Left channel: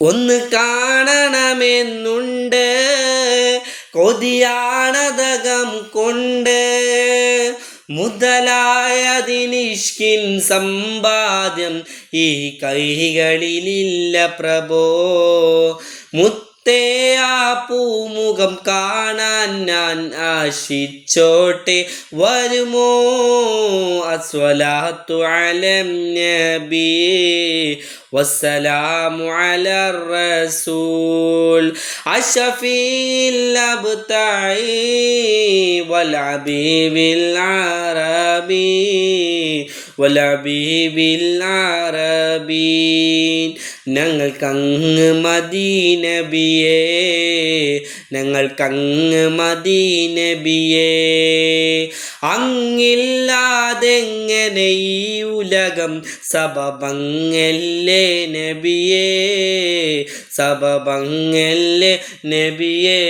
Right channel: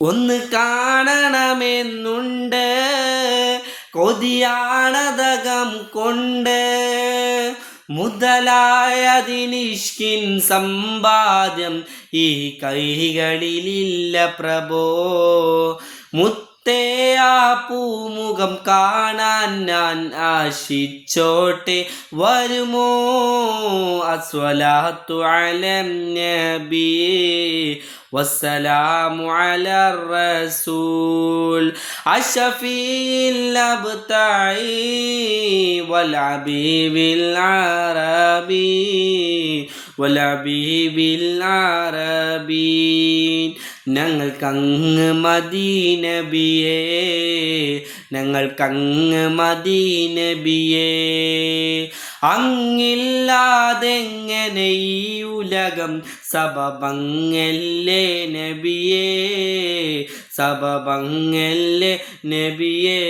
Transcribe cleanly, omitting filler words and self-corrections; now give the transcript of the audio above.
ഒന്ന് കാണണമെന്നുണ്ട്, കൊതിയാണതകം കൊണ്ട്. മുതലായതിനിഷ്കിൻ സമ്പാദ്യം ഈ കൈകളിലില്ല പ്രഭോ. മുത്തേ ആ പൂമുഖം കാണാൻ ഞാൻ ആശിച്ചോട്ടെ, വരുമോ? അസ്വലാത്തു അലൻ നബി വസ്സലാമു അലർ റസൂൽ അഷ്ഫീൽ അബ്തായി വൽ ഹബീബിൽ അറബി വൽ ഹബീബിൽ അറബി. ഞങ്ങൾക്കങ്ങ് മദീനബിയേ, ഞങ്ങൾക്കങ്ങ് മദീനബിയേ. അങ്ങില്ലാതെങ്ങനെ ഈ ഉലകം സബബങ്ങല്ലേ നബിയേ, സബബങ്ങല്ലേ നബിയേ.